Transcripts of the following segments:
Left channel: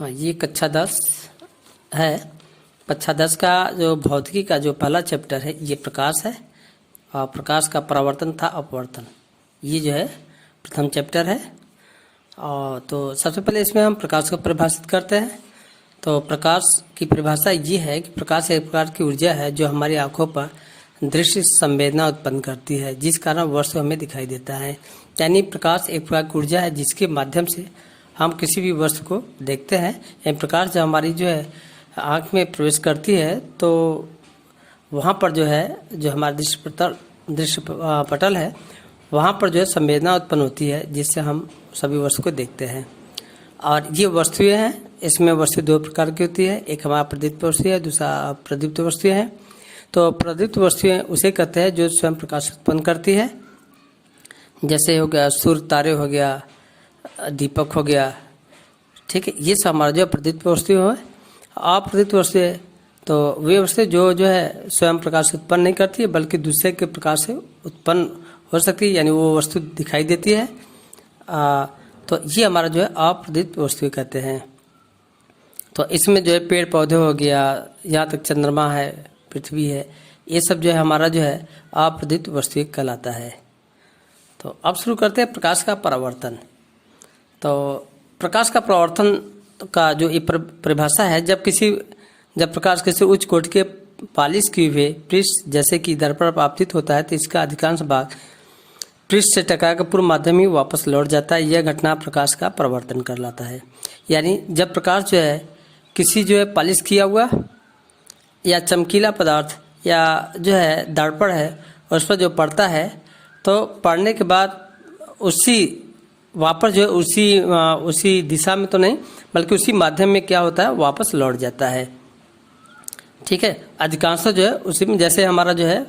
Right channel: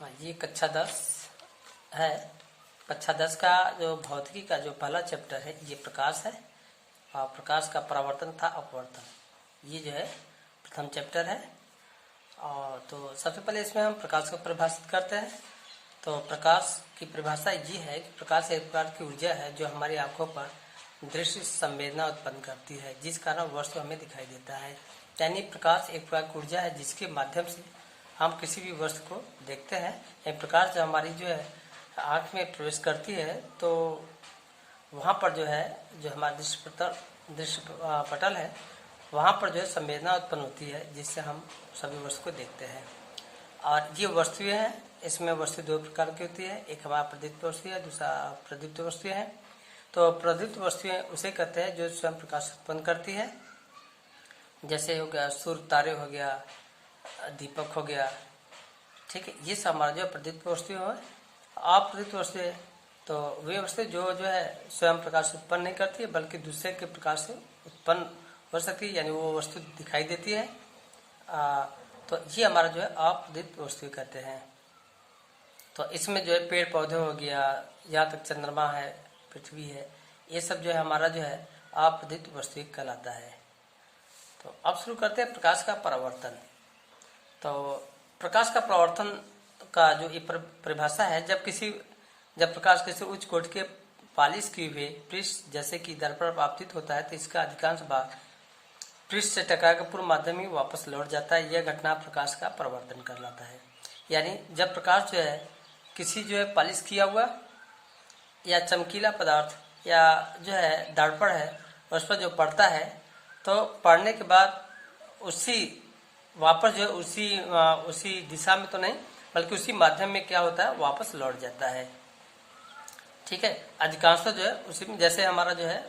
हाँ, ये कक्षा 10 है। कक्षा 10 का जो भौतिकी का जो पहला चैप्टर है ये प्रकाश है। और प्रकाश का परावर्तन था अपवर्तन, ये जो है प्रथम चैप्टर है। और तो सबसे पहले इसमें हम प्रकाश को परिभाषित करते हैं। तो प्रकाश की परिभाषा ये है कि प्रकाश एक प्रकार की ऊर्जा है जो हमारी आंखों पर दृश्य संवेदना उत्पन्न करती है, जिस कारण वस्तु हमें दिखाई देता है। यानी प्रकाश एक प्रकार की ऊर्जा है जिसके माध्यम से हम किसी भी वस्तु को देखते हैं। यह प्रकाश जब हमारी जो है आँख में प्रवेश करती है तो वहाँ पर जो है जो हमारा दृश्य पटल है वहाँ पर जो है संवेदना उत्पन्न होती है, जिससे हम सभी वस्तु को देखते हैं। और ये वस्तुएं हैं, इसमें वस्तु दो प्रकार की होती है, एक हमारा प्रदीप्त वस्तु है, दूसरा प्रदीप्त वस्तुएं हैं। तो प्रदीप्त वस्तुएं उसे कहते हैं जो स्वयं प्रकाश उत्पन्न करती है, जैसे हो गया सूर्य, तारे हो गया, दीपक हो गया, ठीक है। ये सब हमारा जो प्रदीप्त वस्तुएं है। अप्रदीप्त वस्तुएं तो वे वस्तुएं जो है स्वयं प्रकाश उत्पन्न नहीं करती है, बल्कि दूसरे के प्रकाश से उत्पन्न हो सकती है, यानी वो वस्तु दिखाई देती है। तो ये हमारा जो है अप्रदीप्त वस्तुएं कहते हैं। तो इसमें जो है पेड़ पौधे हो गया, यहाँ तक चंद्रमा है, पृथ्वी है, ये सब जो है हमारा जो है अप्रदीप्त वस्तुएं कहलाता है। तो अब शुरू करते हैं प्रकाश का परावर्तन। तो प्रकाश का परावर्तन का जो ये परिभाषा है, जब प्रकाश किसी उच्च कोटि के पालिश किए हुए पृष्ठ जैसे कि दर्पण पर आपतित होता है तो इसका अधिकांश भाग पृष्ठ से टकराकर पूर्व माध्यम ही वापस लौट जाता है। यह घटना प्रकाश का परावर्तन कहलाता है। यानी जब प्रकाश जो है किसी जो है पालिश किया हुआ या चमकीला पदार्थ या जो है दर्पण है उस पर जो पड़ता है, तो पड़ने के बाद उसी वापस जो है उसी दिशा में तो नहीं बल्कि उसी माध्यम में क्या होता है वापस लौट जाता है, ठीक है। अधिकांश जो है उसी में, जैसे हमारा जो है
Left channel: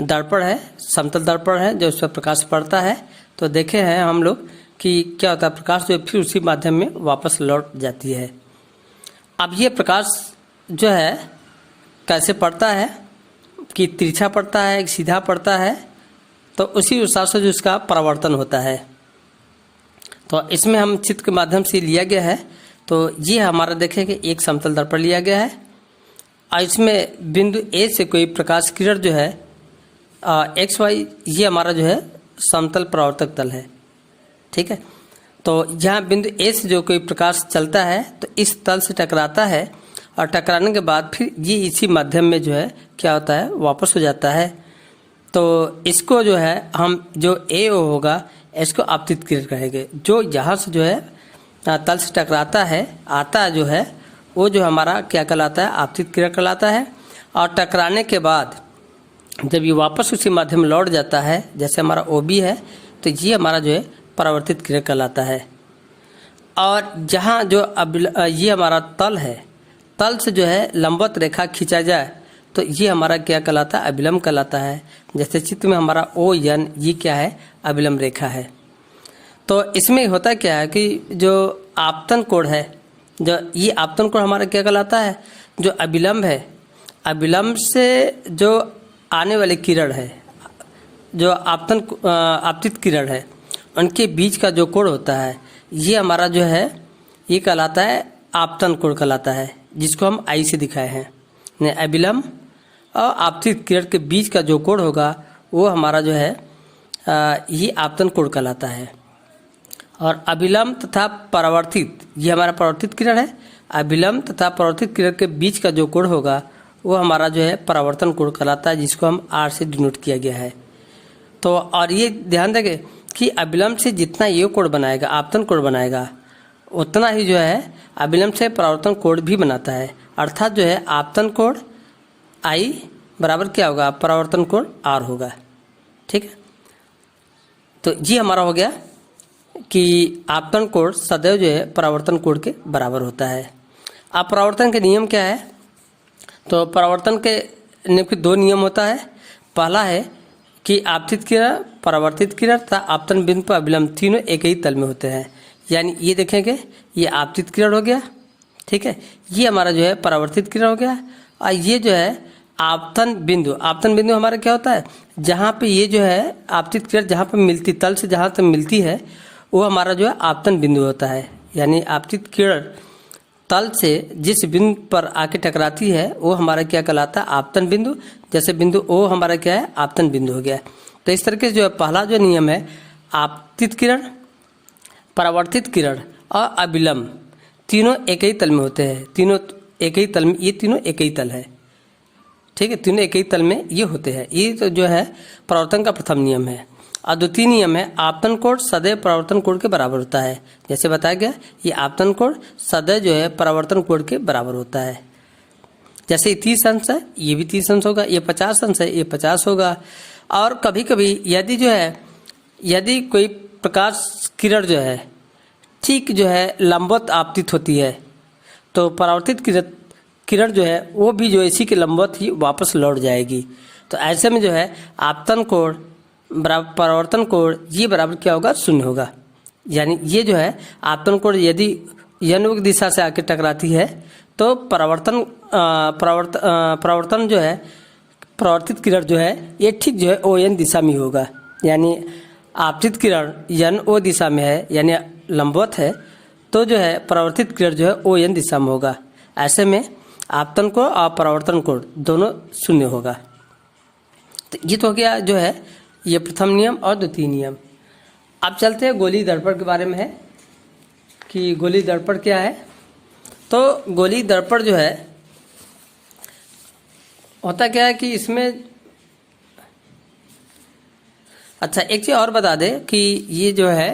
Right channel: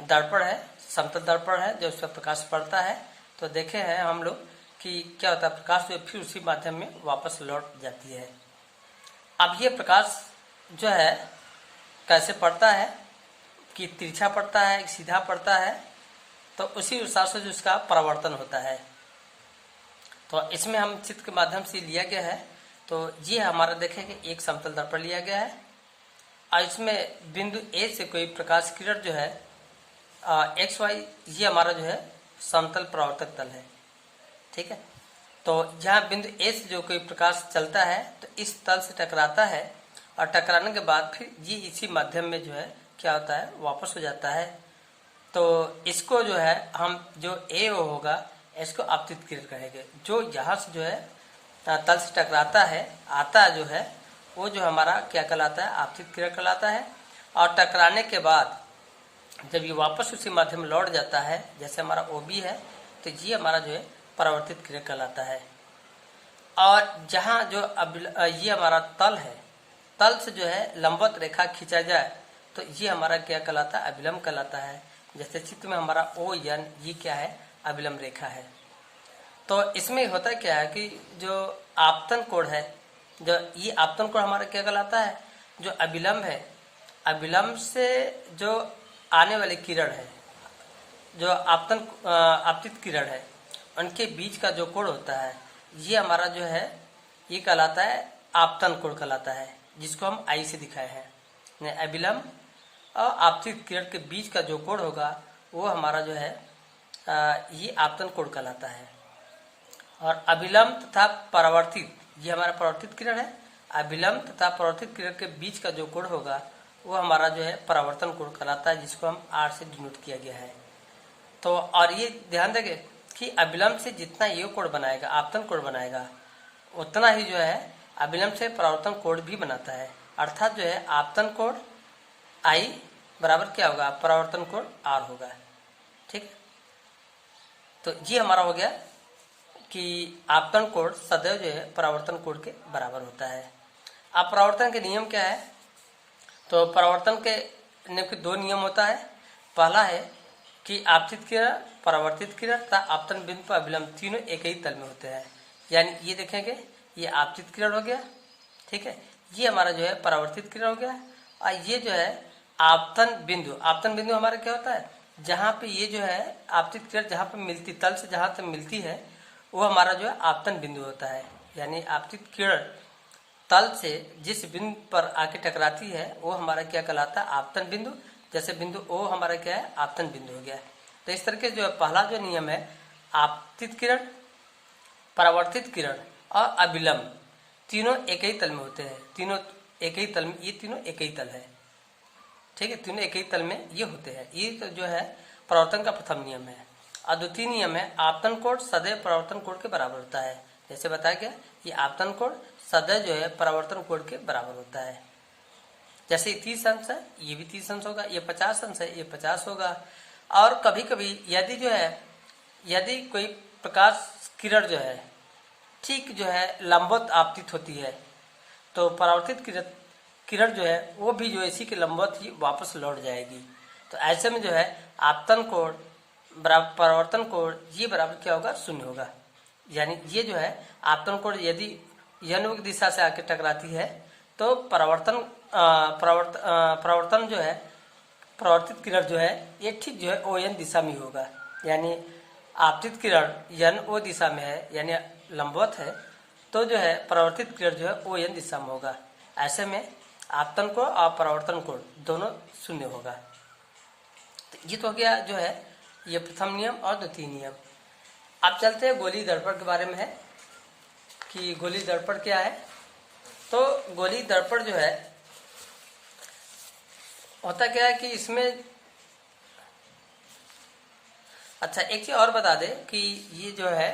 दर्पण है, समतल दर्पण है, जो उस पर प्रकाश पड़ता है तो देखे हैं हम लोग कि क्या होता है प्रकाश जो फिर उसी माध्यम में वापस लौट जाती है। अब ये प्रकाश जो है कैसे पड़ता है कि तिरछा पड़ता है कि सीधा पड़ता है, तो उसी हिसाब से जो उसका परावर्तन होता है। तो इसमें हम चित्र के माध्यम से लिया गया है। तो ये हमारा देखें कि एक समतल दर्पण लिया गया है और इसमें बिंदु ए से कोई प्रकाश किरण जो है एक्स वाई, ये हमारा जो है समतल परावर्तक तल है, ठीक है। तो यहाँ बिंदु ए से जो कोई प्रकाश चलता है तो इस तल से टकराता है और टकराने के बाद फिर ये इसी माध्यम में जो है क्या होता है वापस हो जाता है। तो इसको जो है हम जो ए ओ होगा इसको आपतित किरण कहेंगे। जो यहाँ से जो है तल से टकराता है आता जो है वो जो हमारा क्या कहलाता है आपतित किरण कहलाता है। और टकराने के बाद जब ये वापस उसी माध्यम में लौट जाता है, जैसे हमारा ओ बी है, तो ये हमारा जो है परावर्तित किरण कहलाता है। और जहाँ जो ये हमारा तल है, तल से जो है लंबवत रेखा खींचा जाए तो ये हमारा क्या कहलाता है अभिलंब कहलाता है। जैसे चित्र में हमारा ओ एन, ये क्या है अभिलंब रेखा है। तो इसमें होता क्या है कि जो आपतन कोण है, जो ये आपतन कोण हमारा क्या कहलाता है, जो अभिलंब है, अभिलंब से जो आने वाली किरण है, जो आपतित किरण है, उनके बीच का जो कोण होता है ये हमारा जो है ये कहलाता है आपतन कोण कहलाता है, जिसको हम आई से दिखाए हैं। अभिलंब और आपतित किरण के बीच का जो कोण होगा वो हमारा जो है ये आपतन कोण कहलाता है। और अभिलंब तथा परावर्तित, ये हमारा परावर्तित किरण है, अभिलंब तथा परावर्तित किरण के बीच का जो कोण होगा वो हमारा जो है परावर्तन कोण कहलाता है, जिसको हम आर से डिनोट किया गया है। तो और ये ध्यान देंगे कि अभिलंब से जितना ये कोण बनाएगा आपतन कोण बनाएगा उतना ही जो है अभिलंब से परावर्तन कोण भी बनाता है। अर्थात जो है आपतन कोण आई बराबर क्या होगा परावर्तन कोण आर होगा, ठीक है। तो ये हमारा हो गया कि आपतन कोण सदैव जो है परावर्तन कोण के बराबर होता है। अब परावर्तन के नियम क्या है, तो परावर्तन के नियम के दो नियम होता है। पहला है कि आपतित किरण, परावर्तित किरण तथा आपतन बिंदु पर अभिलंब तीनों एक ही तल में होते हैं। यानी ये देखेंगे ये आपतित किरण हो गया, ठीक है, ये हमारा जो है परावर्तित किरण हो गया। और ये जो है आपतन बिंदु हमारा क्या होता है, जहाँ पे ये जो है आपतित किरण जहाँ पे मिलती, तल से जहाँ तक मिलती है वो हमारा जो है आपतन बिंदु होता है। यानी आपतित किरण तल से जिस बिंदु पर आके टकराती है वो हमारा क्या कहलाता है, आपतन बिंदु। जैसे बिंदु ओ हमारा क्या है, आपतन बिंदु हो गया। तो इस तरीके से जो है पहला जो नियम है, आपतित किरण, परावर्तित किरण और अभिलंब तीनों एक ही तल में होते हैं। तीनों एक ही तल में, ये तीनों एक ही तल है, ठीक है, तीनों एक ही तल में ये होते हैं। ये तो जो है परावर्तन का प्रथम नियम है। और द्वितीय नियम है, आपतन कोण सदैव परावर्तन कोण के बराबर होता है। जैसे बताया गया, ये आपतन कोण सदैव जो है परावर्तन कोण के बराबर होता है। जैसे 30 अंश है, ये भी 30 अंश होगा, ये 50 अंश है, ये 50 होगा। और कभी कभी यदि जो है, यदि कोई प्रकाश किरण जो है ठीक जो है लंबवत आपतित होती है, तो परावर्तित किरण जो है वो भी जो इसी के लंबवत ही वापस लौट जाएगी। तो ऐसे में जो है आपतन कोण बराबर परावर्तन कोण, ये बराबर क्या होगा, 0 होगा। यानी ये जो है आपतन कोण यदि यनुक दिशा से आके टकराती है तो परावर्तन जो है, परावर्तित किरण जो है ये ठीक जो है ON दिशा में होगा। यानी आपतित किरण NO दिशा में है, यानी लंबवत है, तो जो है परावर्तित किरण जो है ON दिशा में होगा। ऐसे में आपतन कोण और परावर्तन कोण दोनों 0 होगा। तो ये तो हो गया जो है ये प्रथम नियम और द्वितीय नियम। अब चलते हैं गोलीय दर्पण के बारे में है कि गोलीय दर्पण क्या है। तो गोलीय दर्पण जो है होता क्या है कि इसमें, अच्छा एक चीज़ और बता दें कि ये जो है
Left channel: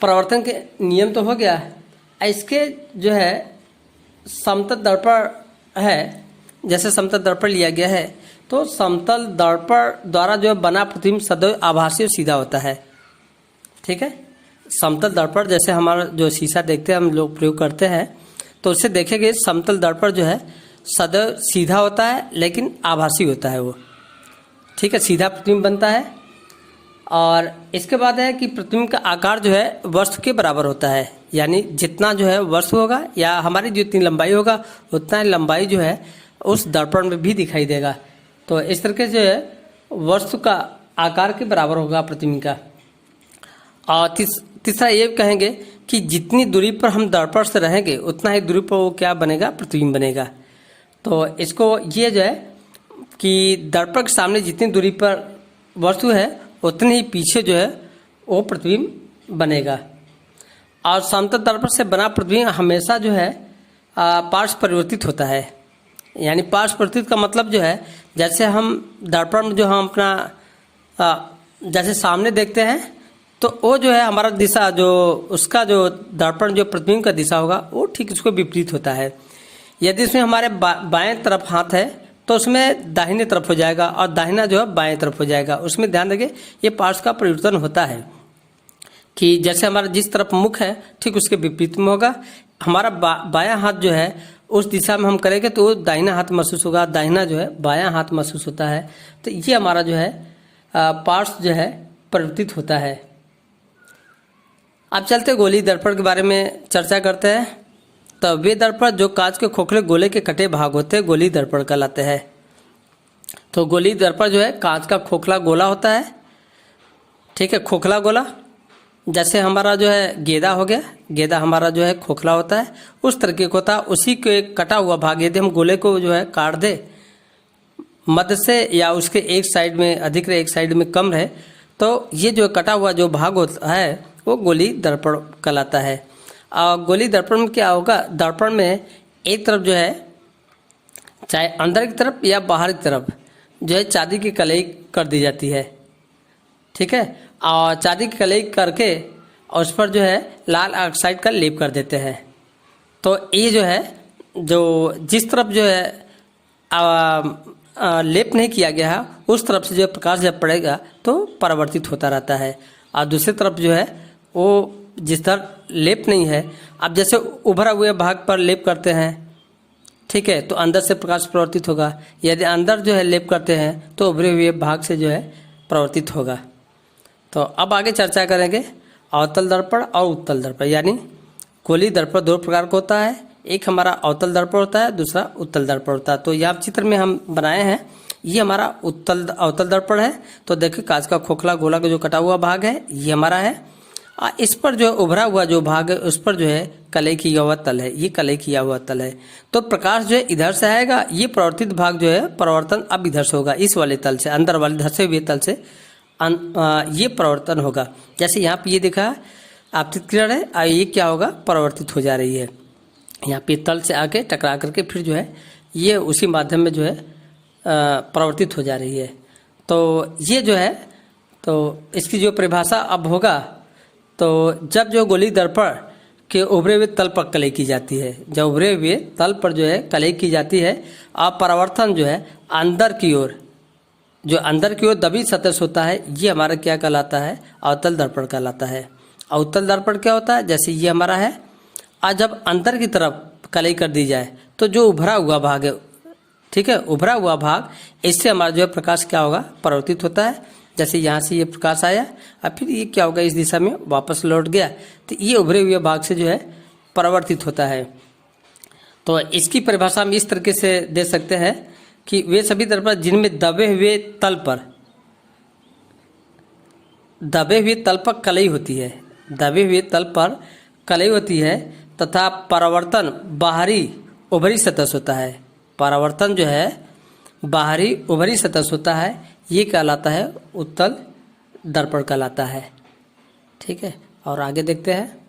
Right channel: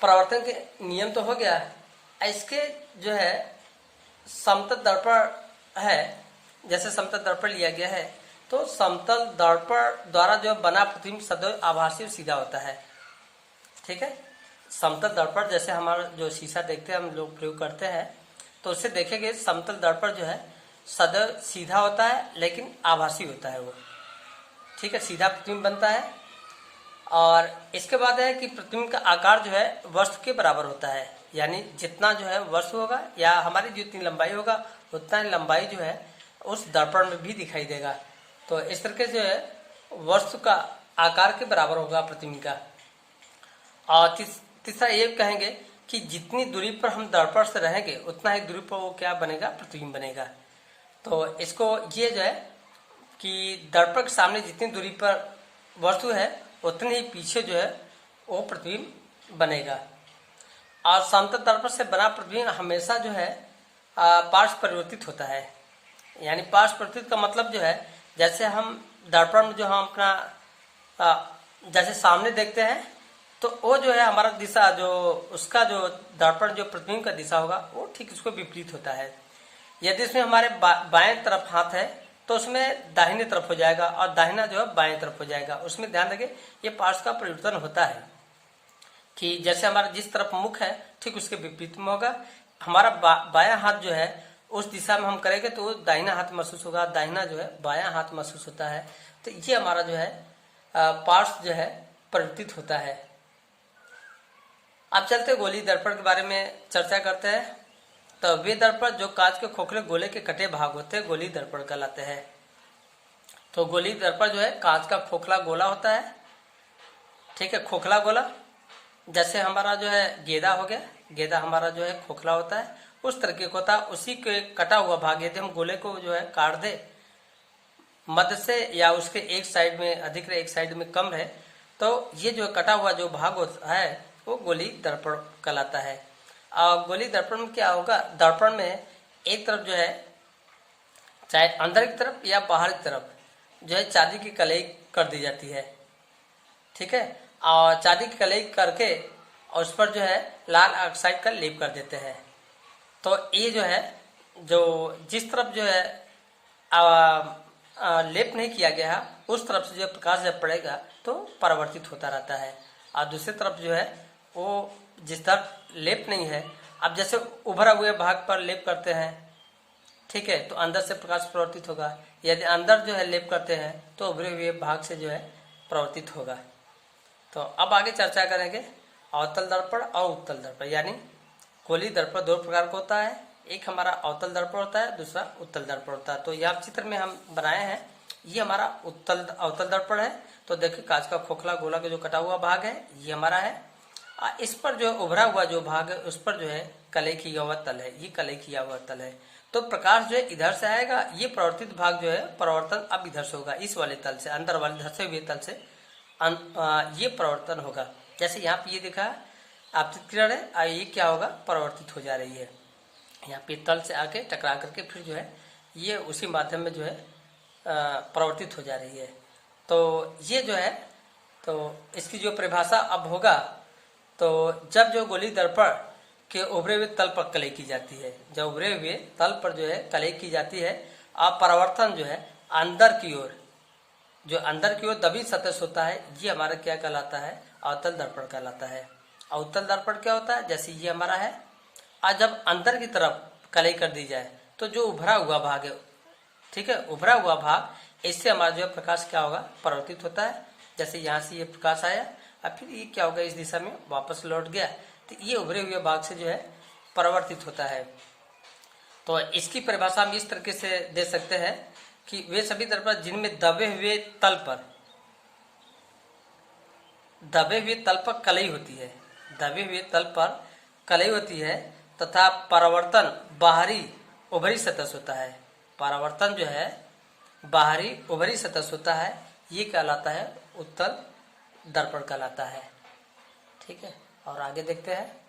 परावर्तन के नियम तो हो गया, इसके जो है समतल दर्पण है। जैसे समतल दर्पण लिया गया है तो समतल दर्पण द्वारा जो है बना प्रतिबिंब सदैव आभासी और सीधा होता है, ठीक है। समतल दर्पण जैसे हमारा जो शीशा देखते हैं हम लोग प्रयोग करते हैं, तो उससे देखेंगे समतल दर्पण जो है सदैव सीधा होता है लेकिन आभासी होता है वो, ठीक है, सीधा प्रतिबिंब बनता है। और इसके बाद है कि प्रतिबिंब का आकार जो है वस्तु के बराबर होता है। यानी जितना जो है वस्तु होगा या हमारी जितनी लंबाई होगा उतना ही लंबाई जो है उस दर्पण में भी दिखाई देगा। तो इस तरीके से वस्तु का आकार के बराबर होगा प्रतिबिंब का। और तीसरा ये कहेंगे कि जितनी दूरी पर हम दर्पण से रहेंगे उतना ही दूरी पर वो क्या बनेगा, प्रतिबिंब बनेगा। तो इसको ये जो है कि दर्पण के सामने जितनी दूरी पर वस्तु है उतने ही पीछे जो है वो प्रतिबिंब बनेगा। और समतल दर्पण से बना प्रतिबिंब हमेशा जो है पार्श्व परिवर्तित होता है। यानी पार्श्व परिवर्तित का मतलब जो है, जैसे हम दर्पण में जो हम अपना जैसे सामने देखते हैं तो वो जो है हमारा दिशा जो उसका जो दर्पण जो प्रतिबिंब का दिशा होगा वो ठीक उसको विपरीत होता है। यदि इसमें हमारे बाएं तरफ हाथ है तो उसमें दाहिने तरफ हो जाएगा और दाहिना जो है बाएं तरफ हो जाएगा। उसमें ध्यान रखें ये पार्श्व का परिवर्तन होता है कि जैसे हमारा जिस तरफ मुख है ठीक उसके विपरीत में होगा। हमारा बायां हाथ जो है उस दिशा में हम करेंगे तो वो दाहिना हाथ महसूस होगा, दाहिना जो है बायां हाथ महसूस होता है। तो ये हमारा जो है पार्श्व जो है परिवर्तित होता है। अब चलते गोलीय दर्पण के बारे में चर्चा करते हैं। तो वे दर्पण जो कांच के खोखले गोले के कटे भाग होते हैं गोलीय दर्पण कहलाते हैं। तो गोलीय दर्पण जो है कांच का खोखला गोला होता है, ठीक है, खोखला गोला। जैसे हमारा जो है गेंदा हो गया, गेंदा हमारा जो है खोखला होता है उस तरीके का होता है। उसी के कटा हुआ भाग यदि हम गोले को जो है काट दे मध्य से या उसके एक साइड में अधिक रहे एक साइड में कम रहे तो ये जो कटा हुआ जो भाग होता है वो गोलीय दर्पण कहलाता है। और गोलीय दर्पण में क्या होगा, दर्पण में एक तरफ जो है चाहे अंदर की तरफ या बाहर की तरफ जो है चांदी की कलई कर दी जाती है, ठीक है। और चांदी की कलई करके और उस पर जो है लाल ऑक्साइड का लेप कर देते हैं। तो ये जो है जो जिस तरफ जो है लेप नहीं किया गया है उस तरफ से जो प्रकाश जब पड़ेगा तो परावर्तित होता रहता है। और दूसरी तरफ जो है वो जिस तरफ लेप नहीं है, अब जैसे उभरा हुए भाग पर लेप करते हैं, ठीक है, तो अंदर से प्रकाश परावर्तित होगा। यदि अंदर जो है लेप करते हैं तो उभरे हुए भाग से जो है परावर्तित होगा। तो अब आगे चर्चा करेंगे अवतल दर्पण और उत्तल दर्पण। यानी गोलीय दर्पण दो प्रकार का होता है, एक हमारा अवतल दर्पण होता है, दूसरा उत्तल दर्पण होता है। तो यहाँ चित्र में हम बनाए हैं ये हमारा अवतल दर्पण है। तो देखिए कांच का खोखला गोला का जो कटा हुआ भाग है ये हमारा है इस पर जो उभरा हुआ जो भाग है उस पर जो है कलई किया हुआ तल है, ये कलई किया हुआ तल है। तो प्रकाश जो है इधर से आएगा, ये परावर्तित भाग जो है परावर्तन अब इधर से होगा, इस वाले तल से, अंदर वाले धंसे हुए तल से ये परावर्तन होगा। जैसे यहाँ पे ये दिखा आपतित किरण है, ये क्या होगा, परावर्तित हो जा रही है। यहाँ पे तल से आके टकरा करके फिर जो है ये उसी माध्यम में जो है परावर्तित हो जा रही है। तो ये जो है, तो इसकी जो परिभाषा अब होगा, तो जब जो गोलीय दर्पण के उभरे हुए तल पर कलई की जाती है, जब उभरे हुए तल पर जो है कलई की जाती है, और परावर्तन जो है अंदर की ओर, जो अंदर की ओर दबी सतह से होता है, ये हमारा क्या कहलाता है, अवतल दर्पण कहलाता है। अवतल दर्पण क्या होता है, जैसे ये हमारा है, और जब अंदर की तरफ कलई कर दी जाए तो जो उभरा हुआ भाग है, ठीक है, उभरा हुआ भाग, इससे हमारा जो है प्रकाश क्या होगा, परावर्तित होता है। जैसे यहाँ से ये प्रकाश आया और फिर ये क्या होगा, इस दिशा में वापस लौट गया, तो ये उभरे हुए भाग से जो है परावर्तित होता है। तो इसकी परिभाषा हम इस तरीके से दे सकते हैं कि वे सभी दर्पण जिनमें दबे हुए तल पर कलई होती है, दबे हुए तल पर कलई होती है, तथा परावर्तन बाहरी उभरी सतह से होता है। परावर्तन जो है बाहरी उभरी सतह से होता है, ये कहलाता है उत्तल दर्पण कहलाता है। ठीक है, और आगे देखते हैं।